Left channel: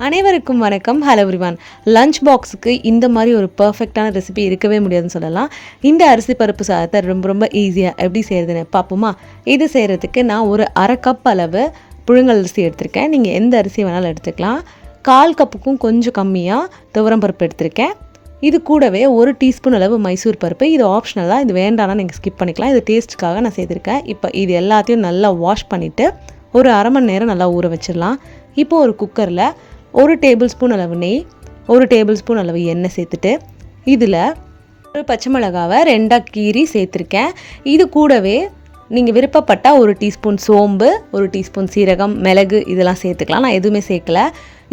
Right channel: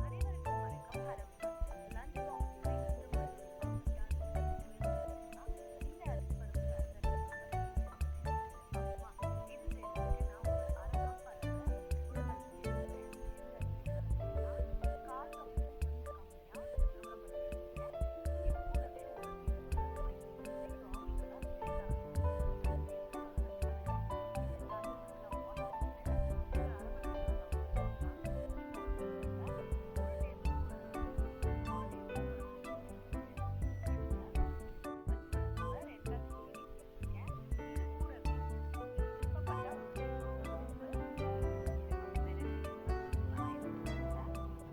அனைவருக்கும் வணக்கம். Hello everyone lunch பாக்ஸுக்கு இந்த மாதிரி ஒரு பர்ஃபெக்டான ரெசிபி இருக்கவே முடியாதுன்னு சொல்லலாம். இந்த அரிசி பருப்பு சாதத்தை ரொம்ப ரொம்ப ஈஸியாக எப்படி செய்கிறதுன்னு பார்ப்போமா? இது செய்கிறதுக்கு நான் ஒரு அரை கப் அளவு புழுங்கல் அரிசி எடுத்திருக்கேன். நீங்கள் எந்த அரிசி வேணாலும் எடுத்துக்கலாம். கால் கப்புக்கும் கொஞ்சம் கம்மியாக துவரம் பருப்பு எடுத்திருக்கேன். இது கூடவே ஒரு டீஸ்பூன் அளவு மைசூர் பருப்பு. இது ஆப்ஷனல் தான். இது வேண்டாம்னா நீங்கள் ஸ்கிப் பண்ணிக்கலாம். இது டேஸ்ட்டுக்காக நான் செய்திருக்கேன். இப்போ இது எல்லாத்தையும் நல்லா வாஷ் பண்ணிவிட்டு ஒரு அரை மணி நேரம் நல்லா ஊற வச்சிடலாம். இப்போ ஒரு குக்கரில் ஒரு டேபிள் ஸ்பூன் அளவு நெய் ஒரு டேபிள் ஸ்பூன் அளவு எண்ணெய் சேர்த்துட்டு இதில் ஒரு பச்சை மிளகாவை ரெண்டாக கீறி சேர்த்துருக்கேன். இது கூடவே நீங்கள் விருப்பப்பட்டால் ஒரு டீஸ்பூன் சோம்பு ஒரு டீஸ்பூன் சீரகம் மிளகு இதெல்லாம் சேர்த்துக்கலாம். நான் எதுவுமே சேர்க்கல.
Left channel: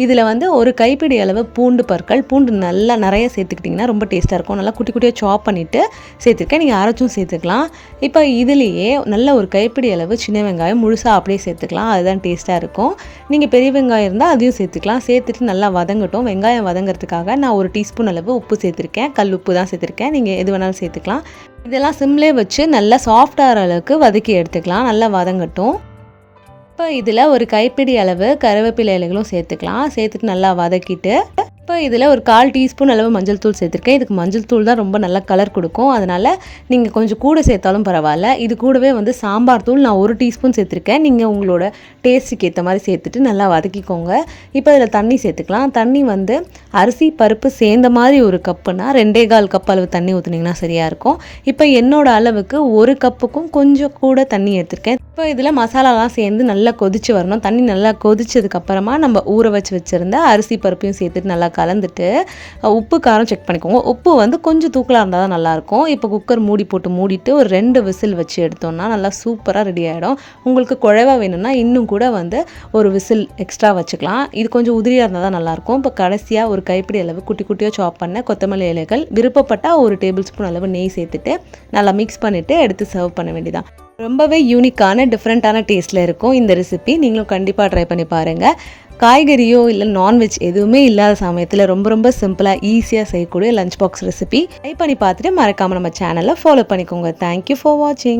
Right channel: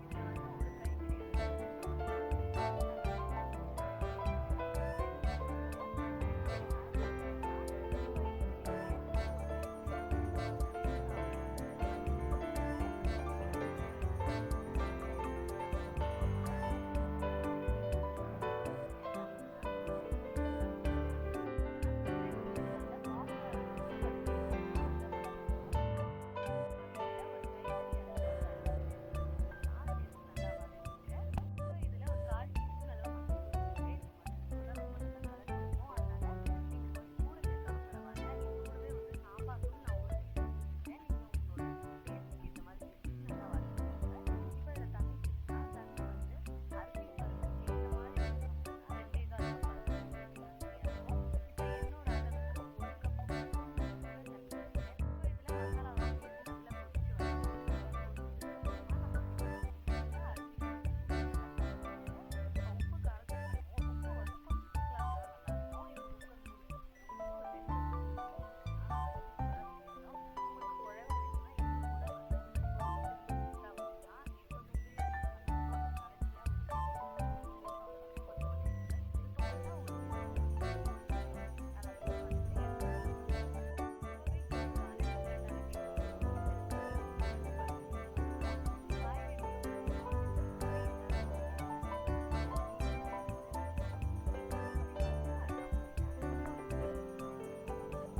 இதில் வந்து ஒரு கைப்பிடி அளவு பூண்டு பற்கள் பூண்டு நல்லா நிறைய சேர்த்துக்கிட்டிங்கன்னா ரொம்ப டேஸ்ட்டாக இருக்கும். நல்லா குட்டி குட்டியாக சாப் பண்ணிவிட்டு சேர்த்துருக்கேன். நீங்கள் அரைச்சும் சேர்த்துக்கலாம். இப்போ இதுலேயே நல்ல ஒரு கைப்பிடி அளவு சின்ன வெங்காயம் முழுசாக அப்படியே சேர்த்துக்கலாம். அதுதான் டேஸ்ட்டாக இருக்கும். நீங்கள் பெரிய வெங்காயம் இருந்தால் அதையும் சேர்த்துக்கலாம். சேர்த்துட்டு நல்லா வதங்கட்டும். வெங்காயம் வதங்கிறதுக்காக நான் ஒரு டீஸ்பூன் அளவு உப்பு சேர்த்துருக்கேன். கல் உப்பு தான் சேர்த்துருக்கேன். நீங்கள் எது வேணாலும் சேர்த்துக்கலாம். இதெல்லாம் சிம்லே வச்சு நல்லா சாஃப்டாகிற அளவுக்கு வதக்கி எடுத்துக்கலாம். நல்லா வதங்கட்டும். இப்போ இதில் ஒரு கைப்பிடி அளவு கருவேப்பிலை இலைகளும் சேர்த்துக்கலாம். சேர்த்துட்டு நல்லா வதக்கிட்டு இப்போ இதில் ஒரு கால் டீஸ்பூன் அளவு மஞ்சள் தூள் சேர்த்துருக்கேன். இதுக்கு மஞ்சள் தூள் தான் ரொம்ப நல்ல கலர் கொடுக்கும். அதனால் நீங்கள் கொஞ்சம் கூட சேர்த்தாலும் பரவாயில்ல. இது கூடவே வந்து சாம்பார் தூள் நான் ஒரு டீஸ்பூன் சேர்த்துருக்கேன். நீங்கள் உங்களோட டேஸ்ட்டுக்கு ஏற்ற மாதிரி சேர்த்துட்டு நல்லா வதக்கிக்கோங்க. இப்போ இதில் தண்ணி சேர்த்துக்கலாம். தண்ணி வந்து அரிசி பருப்பு சேர்ந்த மாதிரி ஒரு கப்புனா ரெண்டே கால் கப் அளவு தண்ணி ஊற்றுனீங்கன்னா சரியாக இருக்கும். இப்போ என்னோட அளவுக்கு ஒரு கப்புக்கும் கொஞ்சம் கூட தண்ணி எடுத்திருக்கேன். இப்போ இதில் மசாலாலாம் சேர்ந்து நல்லா கொதிச்சு வரணும். தண்ணி நல்லா கொதிச்சதுக்கப்புறமா நம்ம ஊற வச்சு வச்சுருந்த அரிசி பருப்பையும் சேர்த்துட்டு நல்லா கலந்துட்டு உப்பு காரம் செக் பண்ணிக்கோங்க. உப்பு வந்து கொஞ்சம் தூக்கலாக இருந்தால் தான் நல்லாயிருக்கும். இப்போ குக்கர் மூடி போட்டு மூடிட்டு ஒரு ரெண்டு விசில் வச்சு எடுத்தோம்னா நல்லா சூப்பராக ரெடி ஆகிடும் உங்களுக்கு குழைவா வேணும்னா இன்னும் கூட வந்து ஒரு விசில் எக்ஸ்ட்ரா வச்சுக்கலாம். இது கொஞ்சம் உதிரியாக இருந்தால் தான் நல்லாயிருக்கும். இப்போ கடைசியாக ஒரு ஒரு கைப்பிடி அளவு குட்டி குட்டியாக சாப் பண்ண கொத்தமல்லி இலைகள் விருப்பப்பட்டால் ஒரு டேபிள் ஸ்பூன் அளவு நெய் சேர்த்துட்டு நல்லா மிக்ஸ் பண்ணிவிட்டு எடுத்து சர்வ் பண்ண வேண்டியதான் ரொம்பவே யூனிக்கான டிஃப்ரெண்ட்டான டேஸ்ட்டில் இருக்கும் இந்த ரெசிபி நீங்களும் கண்டிப்பாக ட்ரை பண்ணி பாருங்கள் காய்கறியோ இல்லை நான்வெஜ் எதுவுமே இல்லாத சமயத்தில் ரொம்ப ரொம்ப சிம்பிளாக ஈஸியாக செய்யக்கூடிய லஞ்ச் பாக்ஸ் ரெசிபி ட்ரை பண்ணி பார்த்துட்டு மறக்காமல் நம்ம சேனலை ஃபாலோ பண்ணிக்கோங்க. தேங்க்யூ ஃபார் வாட்சிங்